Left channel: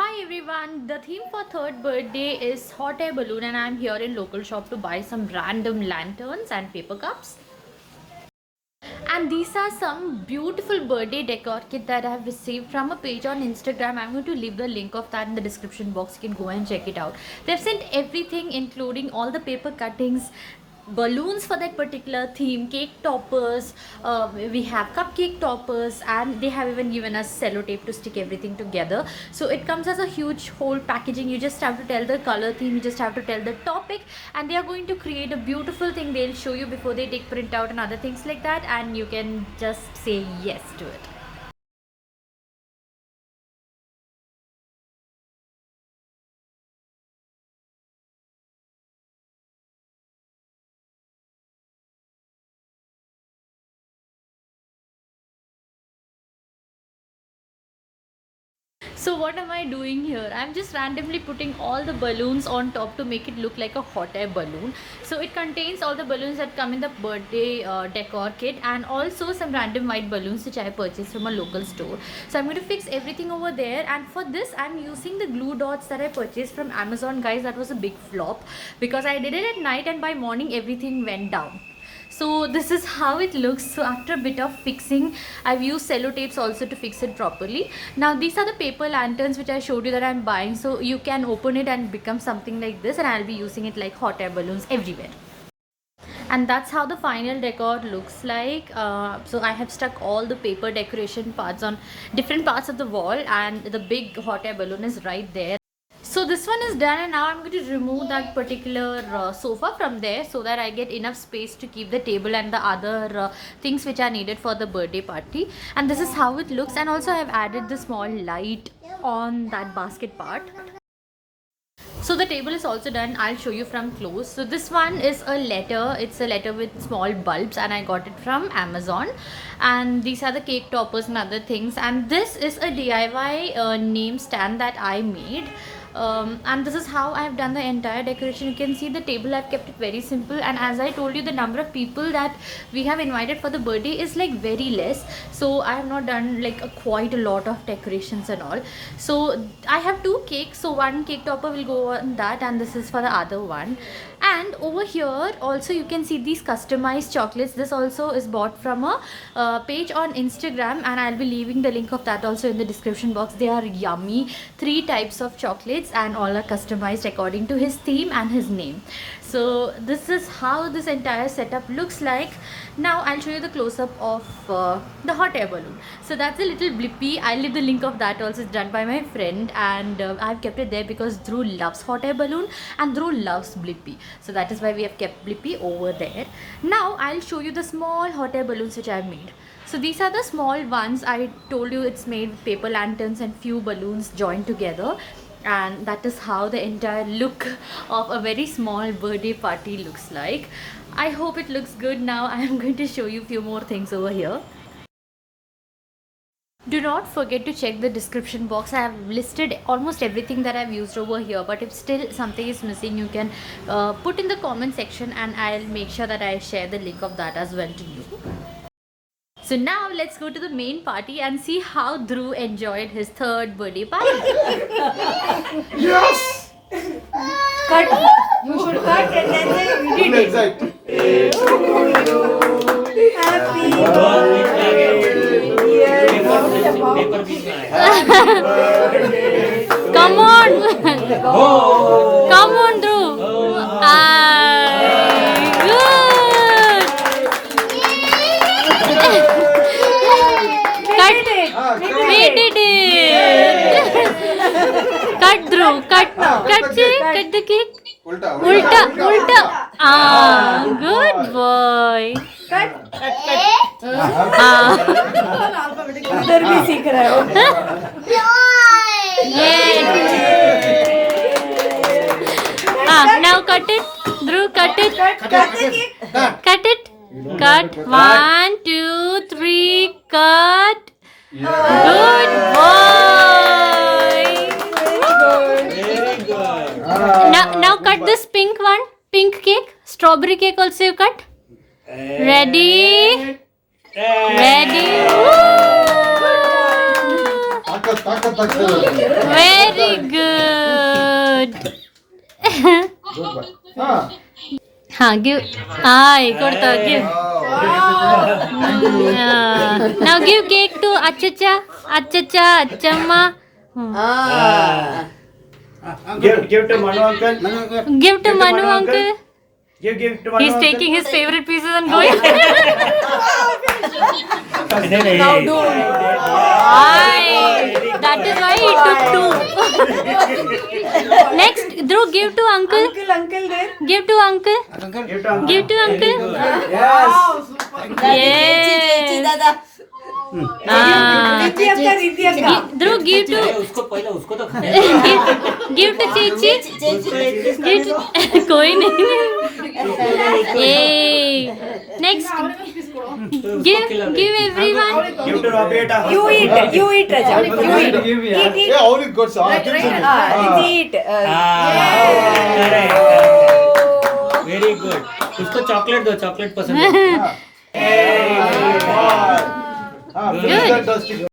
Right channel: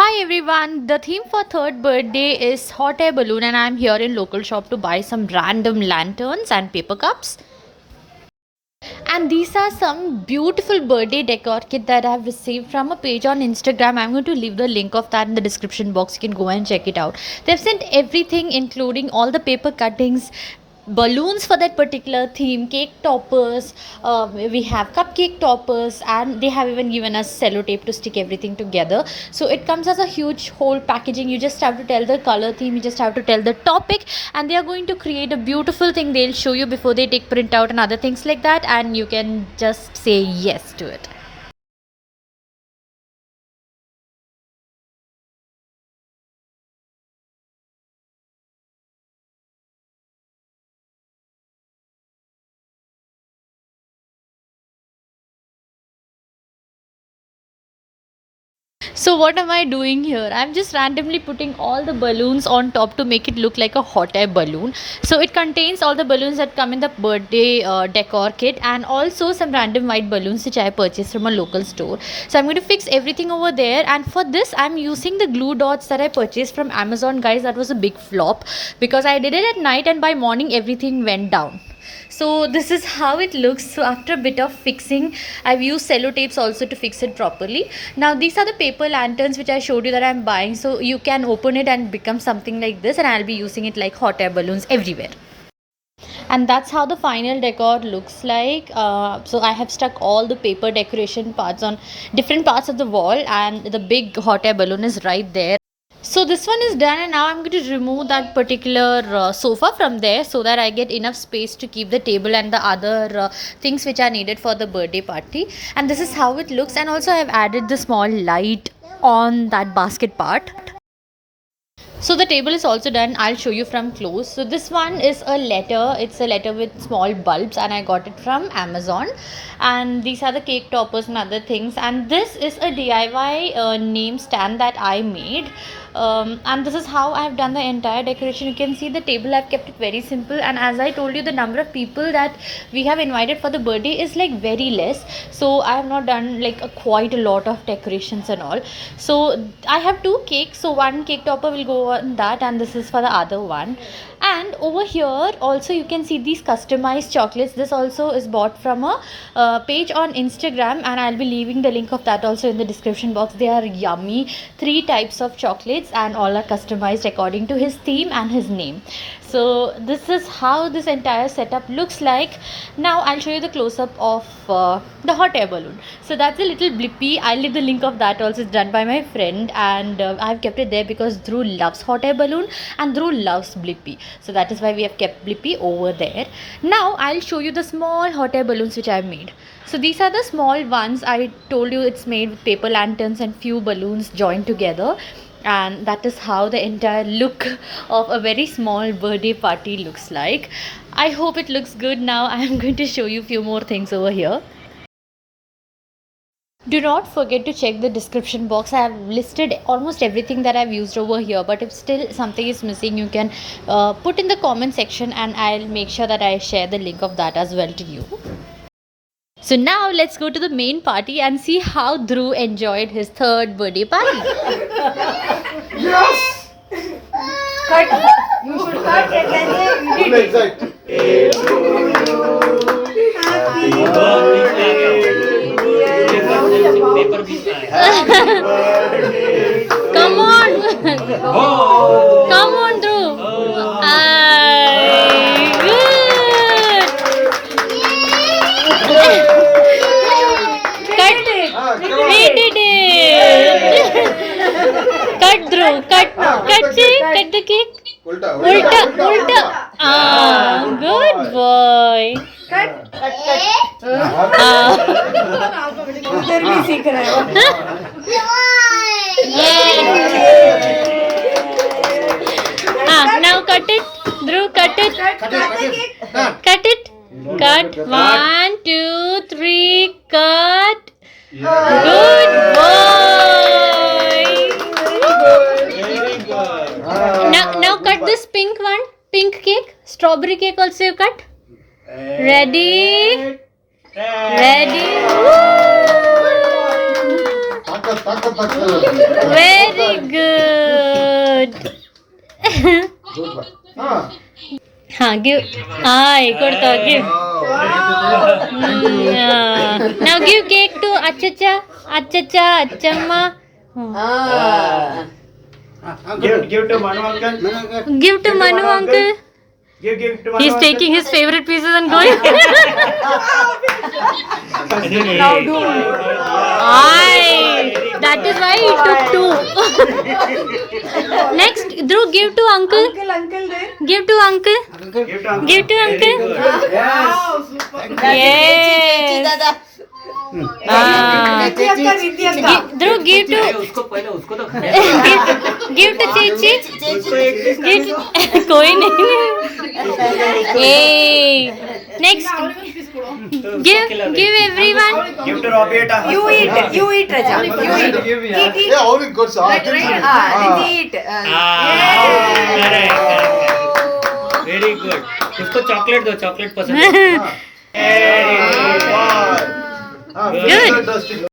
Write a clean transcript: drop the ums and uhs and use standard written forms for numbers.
Hi everyone, the theme for third birthday is hot air balloon and I'm here in local shop to buy some random lanterns and paper cups. And these are some beautiful birthday decor kit that I have received from a page on Instagram. I'm going to leave the link of that in the description box. You can go and check it out. They've sent everything including all the paper cuttings, balloons for that particular theme, cake toppers, we have cupcake toppers, and they have even given us sellotape to stick everything together. So it comes as a huge whole packaging. You just have to tell the color theme, you just have to tell the topic, and they are going to create a beautiful thing. They'll show you before they take print out and other things like that, and you can just say yes to it. So what am I doing here? I'm just randomly putting all the balloons on top to make it look like a hot air balloon. So it contains all the balloons that come in the birthday decor kit, and also some random white balloons which I purchased from a local store. So I'm going to fix everything over there, and for this I'm using the glue dots that I purchased from Amazon. Guys, that was a big flop because I did it at night and by morning everything went down. So this is how it looks. So after a bit of fixing, I've used sellotapes also to fix it properly. Now these are the paper lanterns which I showed you that I'm buying. So you can open it and become something like this, and I'll be using it like hot air balloons everywhere. And that's how the final decor looks like. So I have stuck all the paper decoration parts on different parts of the wall, and the big hot air balloon is right there. So this one is done, and now I'm going to remove that particular sofa from there so that I get enough space to keep the table and the other things which are needed for the birthday party. And this is how it looks, and also I've added the small light on that basket part. So the table is also done. I'll show you from close. So this one is a letter. It's a letter with small bulbs, and I got it from Amazon. And these are the cake toppers and other things. And this is a DIY name stand that I made. And this is how I have done the entire decoration. You can see the table, I've kept it very simple, and as I told you, the number of people that we have invited for the birthday is like very less, so I have not done like quite a lot of decorations and all. So I have two cakes, so one cake topper will go on that, and this is for the other one. And over here also you can see these customized chocolates. This also is bought from a page on Instagram, and I'll be leaving the link of that also in the description box. They are yummy. 3 types of chocolates, and all are customized according to his theme and his name. So this is how this entire setup looks like. Now I'll show you the close-up of the hot air balloon. So that's a little blippy. I'll leave the link of that also. It's done by my friend, and I've kept it there because Dhruv loves hot air balloon and Dhruv loves blippy. So that is why we have kept blippy over there. Now I'll show you the small hot air balloons which I've made. So these are the small ones. I told you it's made with paper lanterns and few balloons joined together, and that is how the entire look of a very small birthday party looks like. I hope it looks good. Now I am going to show you few more things over here. Do not forget to check the description box. I have listed almost everything that I've used over here, but if still something is missing, you can put in the comment section, and I'll make sure that I share the link of that as well to you. So now let's go to the main party and see how Dhruv enjoyed his third birthday party. Yes! Cut. You should cut and then you did it. Exact. Happy birthday, dear. Come on. Come on, Dhruv. Ay, good. Cut. We did it. Cut, Dhruv. Cut. Cut the cake. Ulta. Ah, good boy. उधर भी सीख रहा है. Now cut it. Dhruv, cut it. Cut it. Cut. 1, 2, 3. Cut. Good boy. Now cut this pink one. Pink cake. Strawberry cake also you cut. Ready. Woo! Very good. हाँ give. एक और था give. Now give cake to Achacha, Achamma. Give to Manu uncle. Give to Manu uncle. Give to Manu He's uncle. taking his favorite pieces and going. That is why he took 2. Next, Dhruv, give to uncle. Uncle there. Give to uncle. Give to uncle. Give to uncle. Yes. Yes. Riddhi akka, Riddhi akka. Dhruv, give to. उसको पहले उसको तो Give to Chichi. कोई नहीं. Yay. Next. Give everyone. Give to Robbie. You eat, Raja. You eat. Eat. ಅವ್ರಿಗೆ ಗೊತ್ತು Riddhi eat. Very good उसको chocolate दो चॉकलेट पसंद है Good.